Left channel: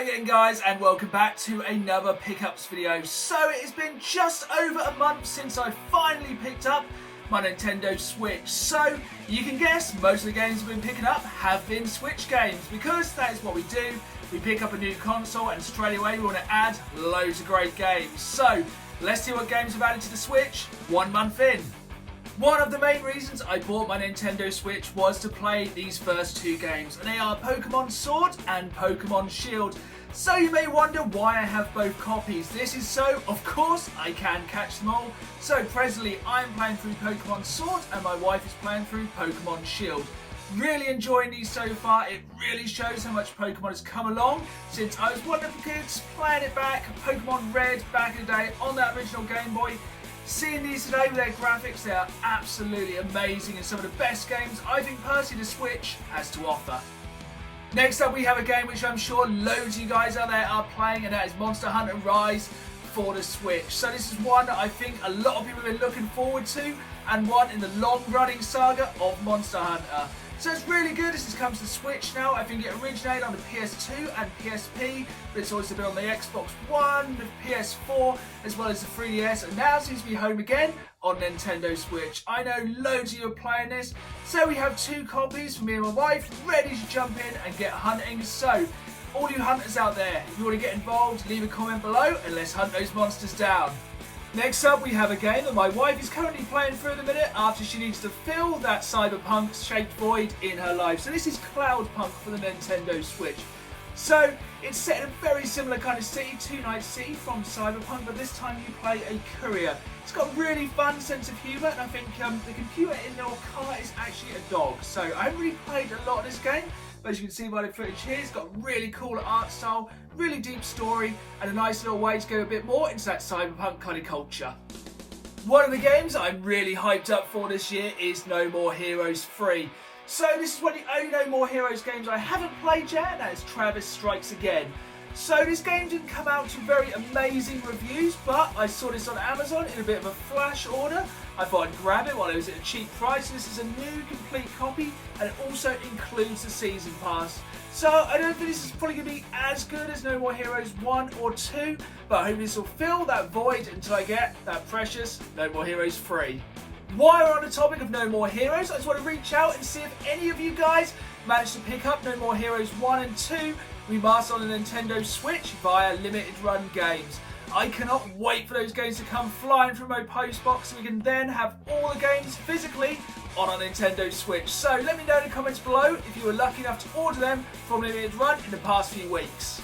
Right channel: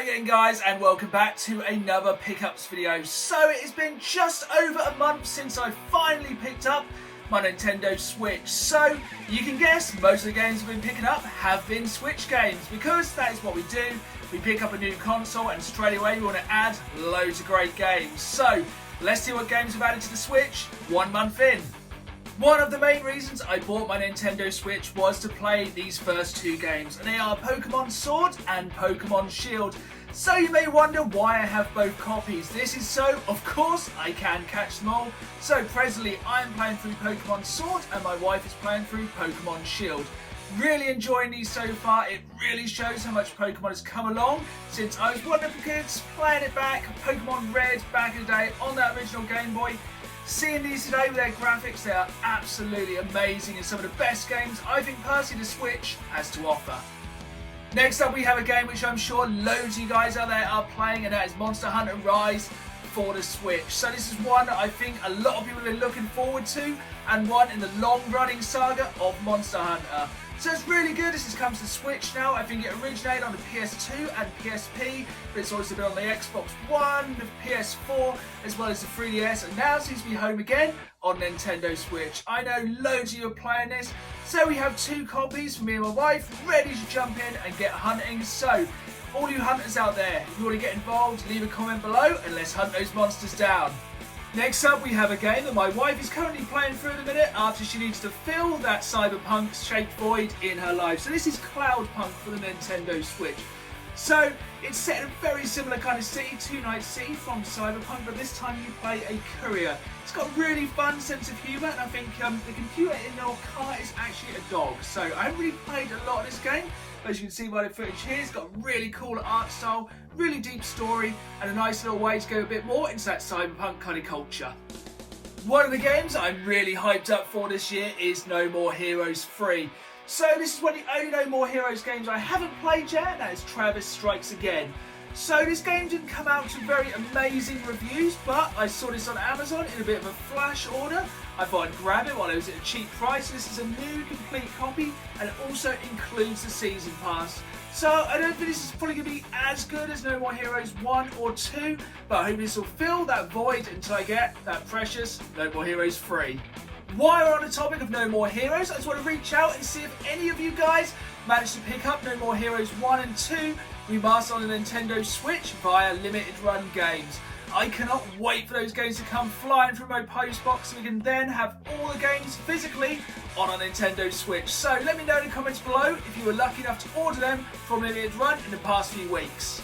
Hello again guys and welcome back to another pickups video. So it has been just over a month since I finally picked up my Nintendo Switch. So you can guess most of the games I've been picking up have been Switch games because that is what we do. We pick up a new console and straight away we want to add loads of great games. So let's see what games we've added to the Switch 1 month in. One of the main reasons I bought my Nintendo Switch was to play these first two games, and they are Pokemon Sword and Pokemon Shield. So you may wonder why I have both copies. This is so, of course, I can catch them all. So presently I'm playing through Pokemon Sword and my wife is playing through Pokemon Shield. Really enjoying these so far. It really shows how much Pokemon has come along since I was one of the kids playing it back, Pokemon Red back in the day on that original Game Boy. Seeing these today with their graphics, they are absolutely amazing and some of the best games I think personally the Switch has to offer. Next up we have a game which I'm sure loads of you guys out there are playing, and that is Monster Hunter Rise for the Switch. So this is one that I think a lot of people have been looking forward to and one in the long running saga of Monster Hunter. So it's really good. This has come to the Switch now. I think it originated on the PS2 and PSP, but it's also been on the Xbox One, the PS4, as well as the 3DS, and now seems to be home again on Nintendo Switch. I know loads of you are playing this, so we have 2 copies for me and my wife, ready to jump in and get hunting. So, all you hunters out there, if you want to get involved, leave a comment below and let's hunt those monsters down. Next up we have a game that my wife is currently playing through in a minute after she needs to fill that cyberpunk shaped void in her life. So this is CLOUDPUNK for the Nintendo Switch. So it's set in a very similar kind of city to Night City from Cyberpunk, but this time you play a courier. It's got a really fun sense of humour, and I think the computer in our car is actually a dog. So I haven't really played a lot of this game, but as you can see by the footage here, it's got a really cool art style, really deep story, and a nice little way to go a bit more into that cyberpunk kind of culture. One of the games I'm really hyped up for this year is No More Heroes 3. So this is one of the only No More Heroes games I haven't played yet, and that is Travis Strikes Again. So this game didn't come out to very amazing reviews, but I saw this on Amazon in a bit of a flash order. I thought I'd grab it while it was at a cheap price. This is a new complete copy, and it also includes the Season Pass. So I don't think this is probably going to be as good as No More Heroes 1 or 2, but I hope this will fill that void until I get that precious No More Heroes 3. While we're on the topic of No More Heroes, I just want to reach out and see if any of you guys managed to pick up No More Heroes 1 and 2 remastered on the Nintendo Switch via limited run games. I cannot wait for those games to come flying from my post box so we can then have all the games physically on our Nintendo Switch. So let me know in the comments below if you were lucky enough to order them from limited run in the past few weeks.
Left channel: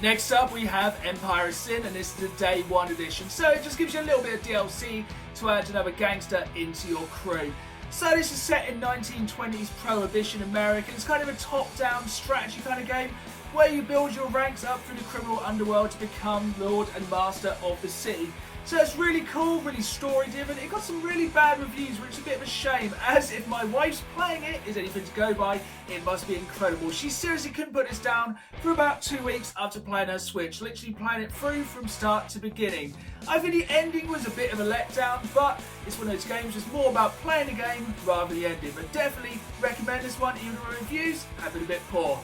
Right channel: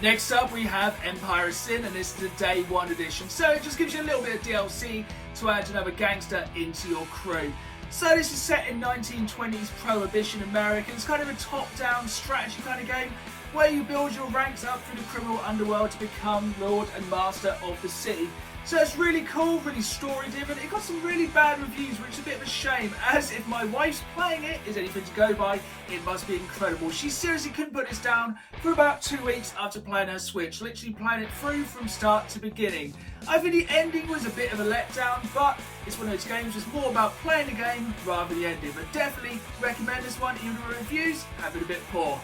Next up we have Empire of Sin, and this is the Day 1 edition. So it just gives you a little bit of DLC to add another gangster into your crew. So this is set in 1920s Prohibition America. It's kind of a top-down strategy kind of game where you build your ranks up through the criminal underworld to become Lord and Master of the city. So it's really cool, really story-driven. It got some really bad reviews, which is a bit of a shame, as if my wife's playing it is anything to go by, it must be incredible. She seriously couldn't put this down for about 2 weeks after playing her Switch, literally playing it through from start to beginning. I think the ending was a bit of a letdown, but it's one of those games that's more about playing the game rather than the ending. But definitely recommend this one, even though the reviews have been a bit poor.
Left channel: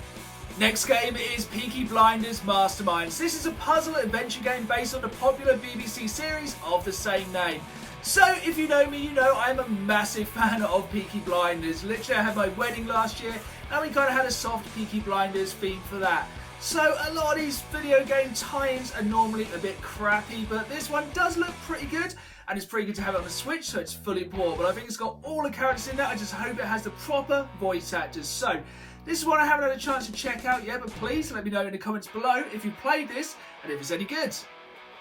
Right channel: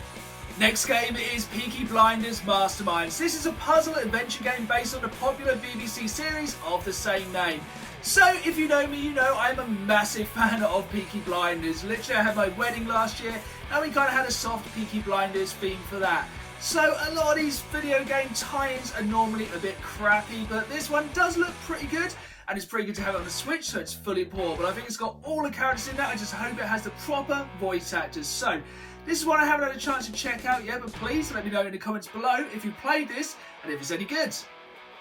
Next game is Peaky Blinders Mastermind. So this is a puzzle adventure game based on the popular BBC series of the same name. So if you know me, you know I'm a massive fan of Peaky Blinders. Literally I had my wedding last year and we kind of had a soft Peaky Blinders theme for that. So a lot of these video game tie-ins are normally a bit crappy, but this one does look pretty good. And it's pretty good to have it on the Switch, so it's fully portable. I think it's got all the characters in there. I just hope it has the proper voice actors. So this is one I haven't had a chance to check out yet, but please let me know in the comments below if you played this and if it's any good.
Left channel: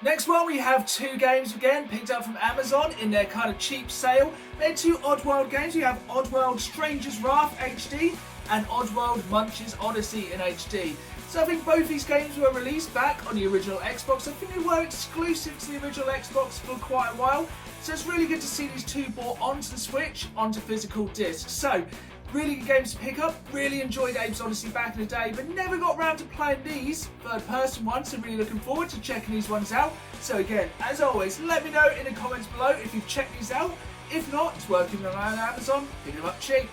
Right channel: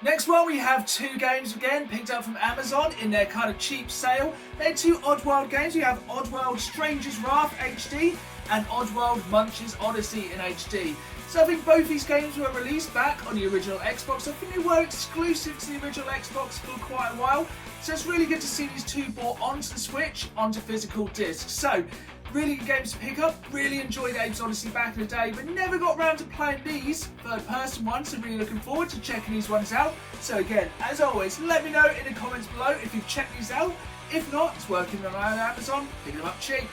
Next one, we have 2 games again picked up from Amazon in their kind of cheap sale. They're 2 Oddworld games. We have Oddworld Stranger's Wrath HD and Oddworld MUNCHS ODDYSEE in HD. So I think both these games were released back on the original Xbox. I think they were exclusive to the original Xbox for quite a while. So it's really good to see these 2 brought onto the Switch, onto physical discs. So really good games to pick up. Really enjoyed Apes Odyssey back in the day, but never got around to playing these third-person ones, so really looking forward to checking these ones out. So again, as always, let me know in the comments below if you've checked these out. If not, it's working around Amazon, pick them up cheap.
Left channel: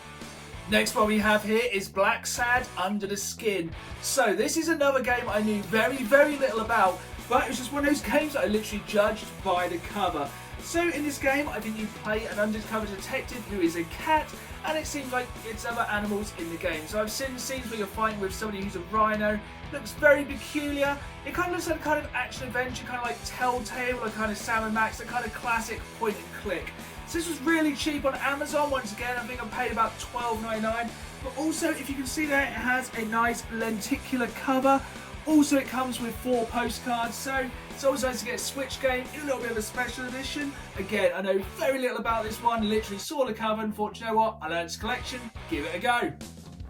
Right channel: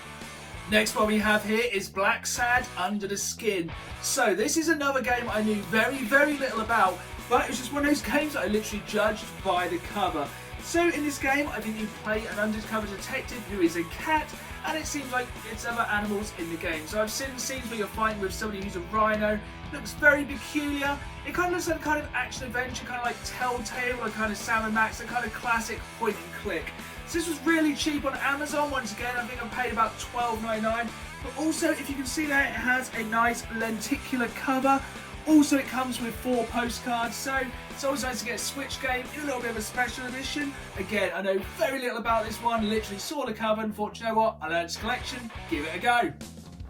Next one we have here is BLACKSAD, Under the Skin. So this is another game I knew very little about, but it was just one of those games that I literally judged by the cover. So in this game, I think you play an undercover detective who is a cat, and it seems like it's other animals in the game. So I've seen scenes where you're fighting with somebody who's a rhino. Looks very peculiar. It kind of looks like a kind of action adventure, kind of like Telltale or kind of Sam & Max, a kind of classic point and click. So this was really cheap on Amazon. Once again, I think I paid about $12.99. But also, if you can see there, it has a nice lenticular cover. Also, it comes with 4 postcards, so it's always nice to get a Switch game, a little bit of a special edition. Again, I know very little about this one, literally saw the cover and thought, you know what, I learned its collection, give it a go.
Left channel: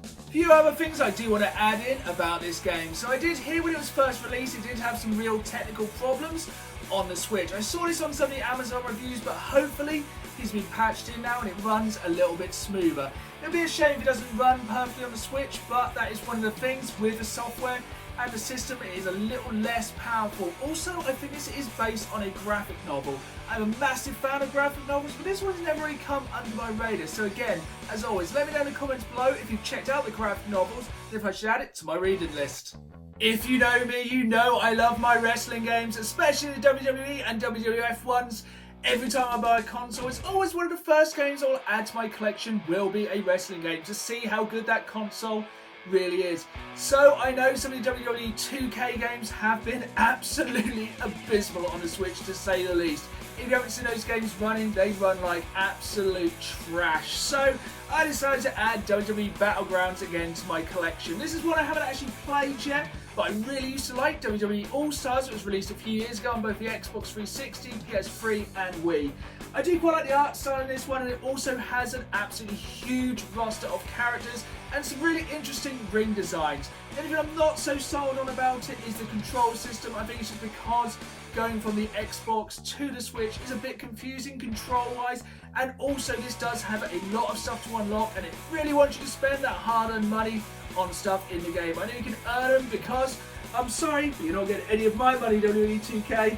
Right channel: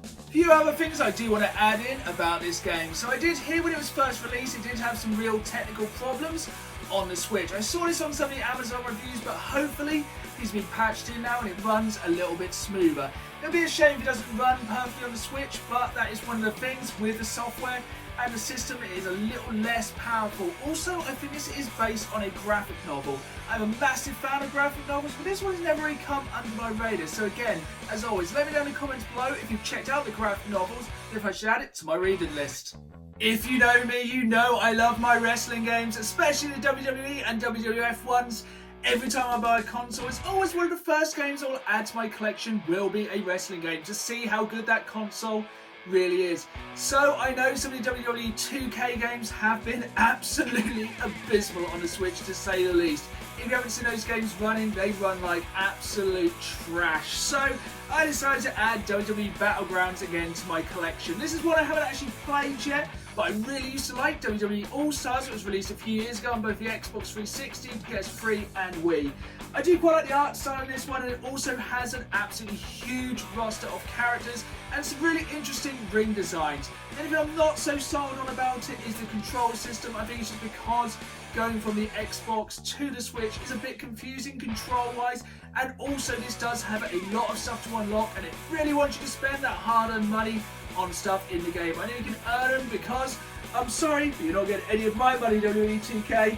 A few other things I do want to add in about this game. So I did hear when it was first released, it did have some real technical problems on the Switch. I saw this on some of the Amazon reviews, but hopefully it's been patched in now and it runs a little bit smoother. It'll be a shame if it doesn't run perfectly on the Switch, but that is one of the things with the software. And the system is a little less powerful. Also, I think this is based on a graphic novel. I'm a massive fan of graphic novels, but this one's never really come under my radar. So again, as always, let me know in the comments below if you've checked out the graphic novels and if I should add it to my reading list. If you know me, you know I love my wrestling games, especially the WWE and WWF ones. Every time I buy a console, it's always one of the first games I'll add to my collection will be a wrestling game to see how good that console really is. So I know some of the WWE 2K games have been absolutely abysmal on the Switch, to say the least. If you haven't seen those games running, they run like absolute trash. So I decided to add WWE Battlegrounds again to my collection. This is one I haven't actually played yet, but I really used to like WWE All-Stars. It was released a few years ago on both the Xbox 360, PS3 and Wii. I do quite like the art style in this one, and it also has an absolutely huge roster of characters and some really interesting ring designs. The only thing I'm not so sold on about it is the control system. I think it's just because going from the Xbox to the Switch is a bit confusing control-wise, and also this does have a lot of stuff to unlock, and it really wants you to spend that hard-earned money on stuff in the game. I know you can earn them because, I'm sorry, but you're not getting any of my money, WWE 2K.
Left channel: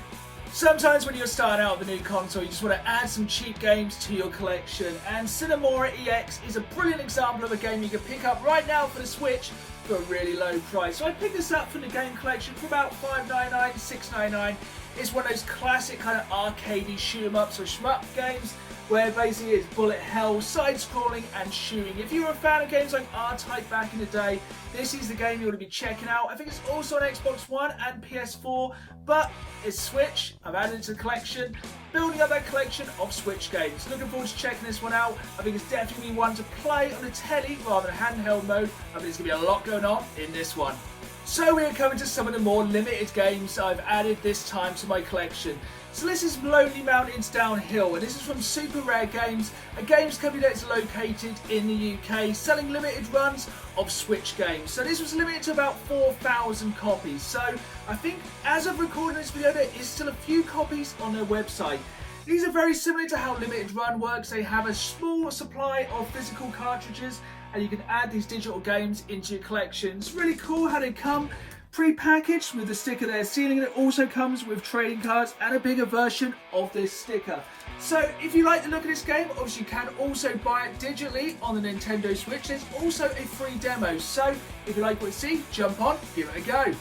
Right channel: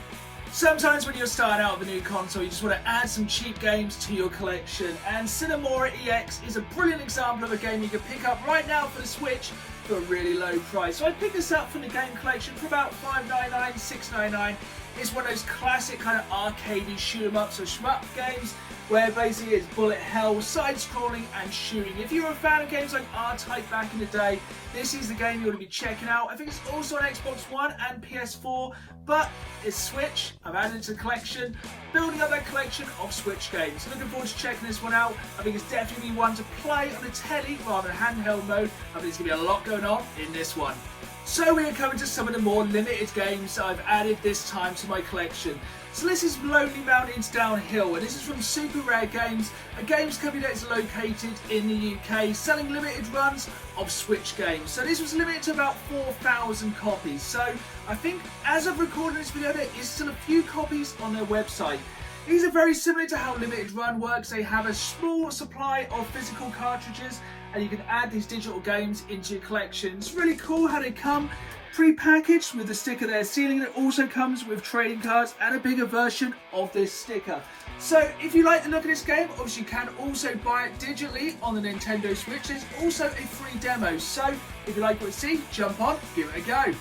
Sometimes when you're starting out with a new console, you just want to add some cheap games to your collection, and MORA EX is a brilliant example of a game you can pick up right now for the Switch for a really low price. So I picked this up from the game collection for about $5.99, $6.99. It's one of those classic kind of arcadey shoot 'em ups or shmup games where basically it's bullet hell, side-scrolling and shooting. If you're a fan of games like R-Type back in the day, this is the game you ought to be checking out. I think it's also on Xbox One and PS4, but it's Switch. I've added it to the collection, building up that collection of Switch games. Looking forward to checking this one out. I think it's definitely one to play on the telly rather than handheld mode. I think there's going to be a lot going on in this one. So we are coming to some of the more limited games I've added this time to my collection. So this is Lonely Mountains Downhill, and this is from Super Rare Games, a games company that's located in the UK, selling limited runs of Switch games. So this was limited to about 4,000 copies. So I think as of recording this video, there is still a few copies on their website. These are very similar to how limited run works. They have a small supply of physical cartridges, and you can add these digital games into your collection. It's really cool how they come pre-packaged with the sticker they're sealing. It also comes with trading cards and a bigger version of this sticker. So if you like the look of this game, obviously you can also buy it digitally on the Nintendo Switch. There's also a free demo, so if you like what you see, jump on, give it a go.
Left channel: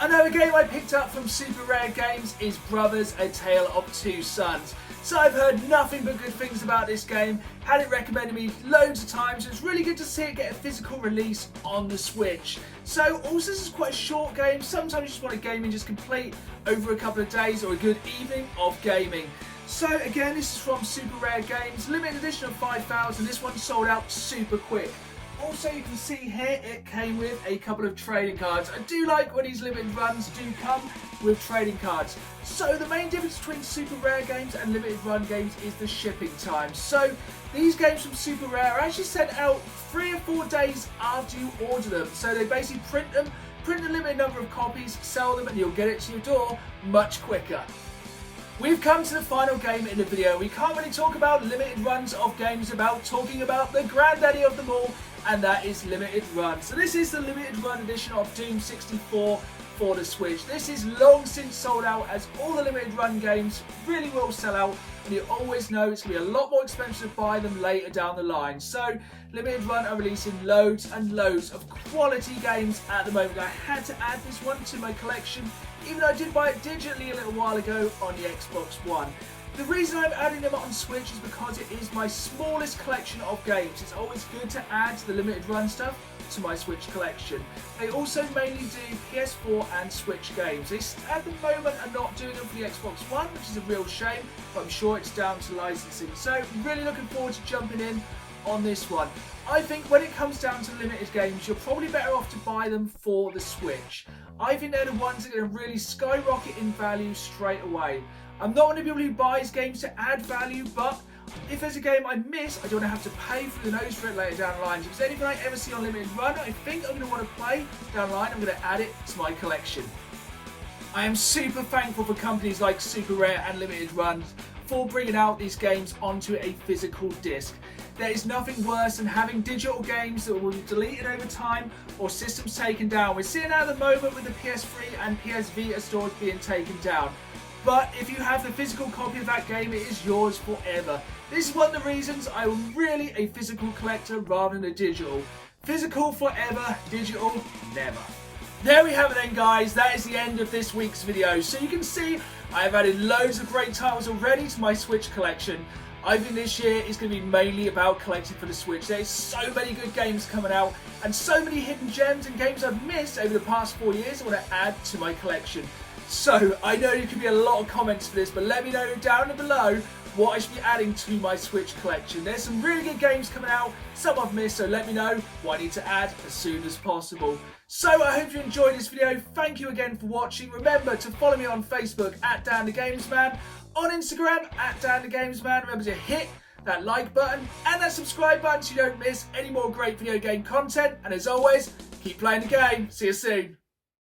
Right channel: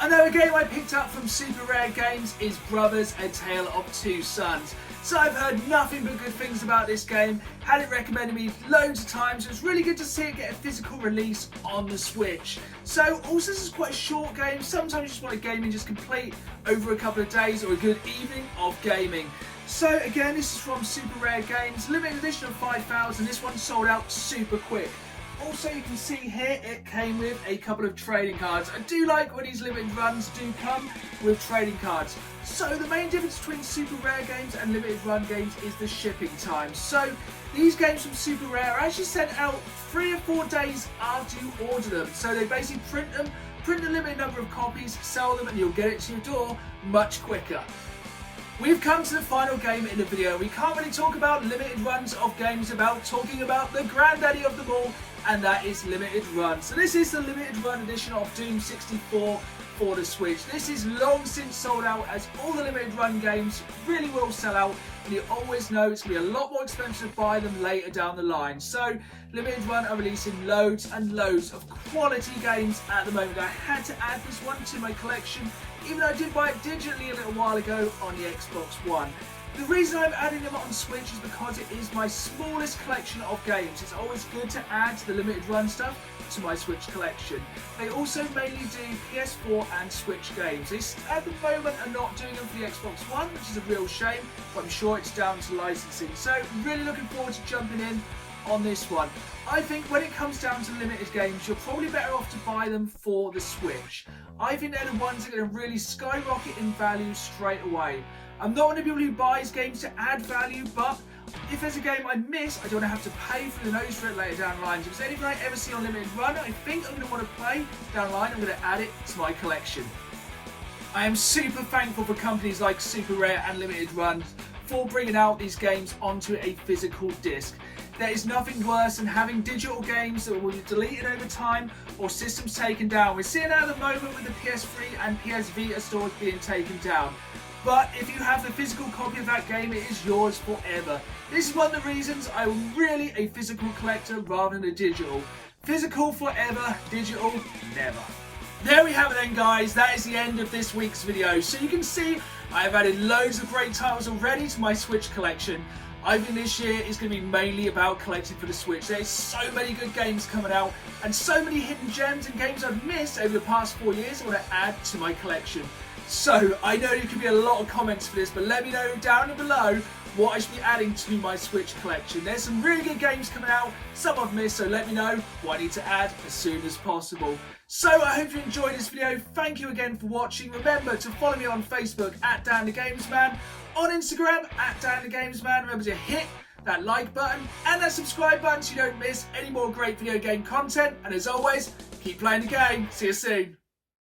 Another game I picked up from Super Rare Games is Brothers: A Tale of Two Sons. So I've heard nothing but good things about this game, had it recommended me loads of times. It's really good to see it get a physical release on the Switch. So also this is quite a short game. Sometimes you just want a game you just complete over a couple of days or a good evening of gaming. So again, this is from Super Rare Games, limited edition of 5,000. This one sold out super quick. Also, you can see here it came with a couple of trading cards. I do like when these limited runs do come with trading cards. So the main difference between Super Rare Games and limited run games is the shipping time. So these games from Super Rare are actually sent out 3 or 4 days after you order them. So they basically print them, print a limited number of copies, sell them, and you'll get it to your door much quicker. We've come to the final game in the video. We can't really talk about limited runs of games without talking about the granddaddy of them all, and that is limited run. So this is the limited run edition of Doom 64 for the Switch. This is long since sold out, as all the limited run games really will sell out, and you always know it's going to be a lot more expensive to buy them later down the line. So limited run are releasing loads and loads of quality games at the moment. I had to add this one to my collection, even though I did buy it digitally a little while ago on the Xbox One. The reason I'm adding them on Switch is because it is my smallest collection of games. It's always good to add the limited run stuff to my Switch collection. They also mainly do PS4 and Switch games. They at the moment are not doing them for the Xbox One, which is a real shame, but I'm sure it's down to licensing. So really looking forward to jumping in on this one. I think when it comes down to limited games, you're probably better off to buy them for the Switch. I think they're the ones that are going to really skyrocket in value straight away. I'm not one of the people who buys games to add value, but if there's a game I miss, I don't have to pay for the nose for it later down the line. If there's anything I ever see on limited run, I think I'm going to want to play down the line, I'm going to add it to my collection. I am super thankful for companies like Super Rare and Limited Run for bringing out these games onto a physical disc. There is nothing worse than having digital games that will be deleted over time or systems taken down. We're seeing that at the moment with the PS3 and PS Vita stores being taken down. But if you have the physical copy of that game, it is yours forever. This is one of the reasons I'm really a physical collector rather than a digital. Physical forever, digital never. There we have it then, guys. That is the end of this week's video. So you can see I have added loads of great titles already to my Switch collection. I think this year is going to be mainly about collecting for the Switch. There's so many good games coming out and so many hidden gems and games I've missed over the past 4 years I want to add to my collection. So I know there could be a lot of comments for this, but let me know down below what I should be adding to my Switch collection. There's some really good games coming out, some I've missed, so let me know what I need to add as soon as possible. So I hope you enjoyed this video. Thank you again for watching. Remember to follow me on Facebook at DanTheGamesMan, on Instagram at DanTheGamesMan. Remember to hit that like button and that subscribe button so you don't miss any more great video game content. And as always, keep playing the game. See you soon.